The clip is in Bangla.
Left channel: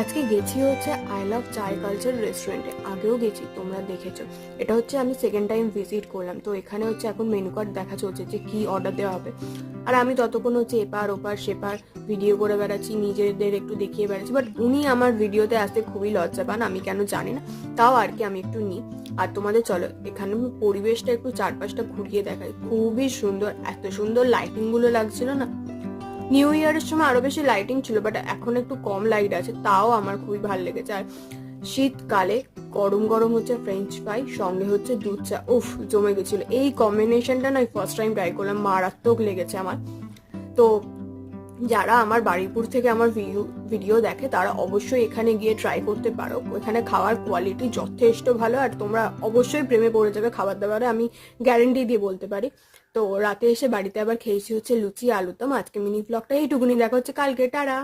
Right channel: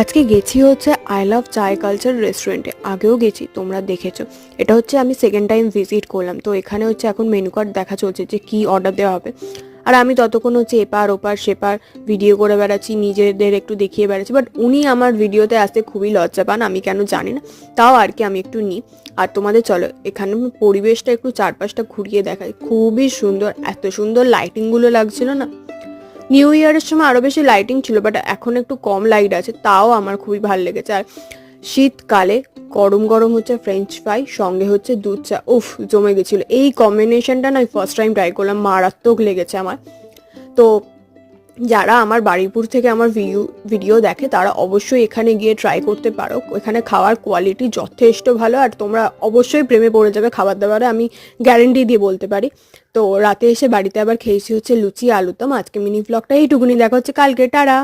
আজকে গেছি হচ্ছে আই লাভ চায় কালচার রেস্টুরেন্টে। আগেও গেছি, তোমরা দেখেছো। এটা হচ্ছে আমি সেকেন্ড টাইম ভিজিট করলাম। তো এখানে হচ্ছে এখন মেনু কার্ড দেখা চলছে যে কি অর্ডার দেওয়া হবে। আর আমি ততক্ষণ হচ্ছে এপার ওপার সেপার ভিডিও করে বেড়াচ্ছি, নিজেদের একটু দেখিয়ে বেড়াচ্ছি। বাট উনি আমার ভিডিওতে আসতে খুবই লজ্জা পান, আমি কেন জানি না। তাও আর কি আমি একটু নিই। আর তোমাদের চলো এখানে পরিবেশটা একটু চারপাশটা ঘুরিয়ে দেখাই। খুবই সুন্দর, এত সুন্দর লাইটিংগুলো লাগছিল না। নিউ ইয়ারের সময় আরো বেশি লাইটিং ছিল, বাট এখন একটু কম লাইট আছে, তাও আমার খুবই ভালো লেগেছে। আর শীতকালে গরম গরম হচ্ছে ফ্রেঞ্চ ফ্রাই, সঙ্গে হচ্ছে দুধ চা, উফ জমে গেছিল। এই কম্বিনেশনটা না ফার্স্ট টাইম ট্রাই করলাম, মারাত্মক লেগেছে আমার। তো যারা আমার বারুইপুর থেকে আমার ভিডিও দেখে তারা অবশ্যই এখানে গিয়ে ট্রাই করতে পারো। এখানে খাওয়ার কোয়ালিটি যথেষ্ট ভালো, আর তোমরা অবশ্যই প্রেমে পড়ে যাবে খাবার দাবারে, আমি গ্যারেন্টি দিয়ে বলতে পারি। তো রাতে এসে বাড়িতে আবার খেয়েছি হচ্ছে লুচি আলুদম। আজকে মিনি ব্লগটা এইটুকুনি, দেখা হচ্ছে কালকে, টাটা।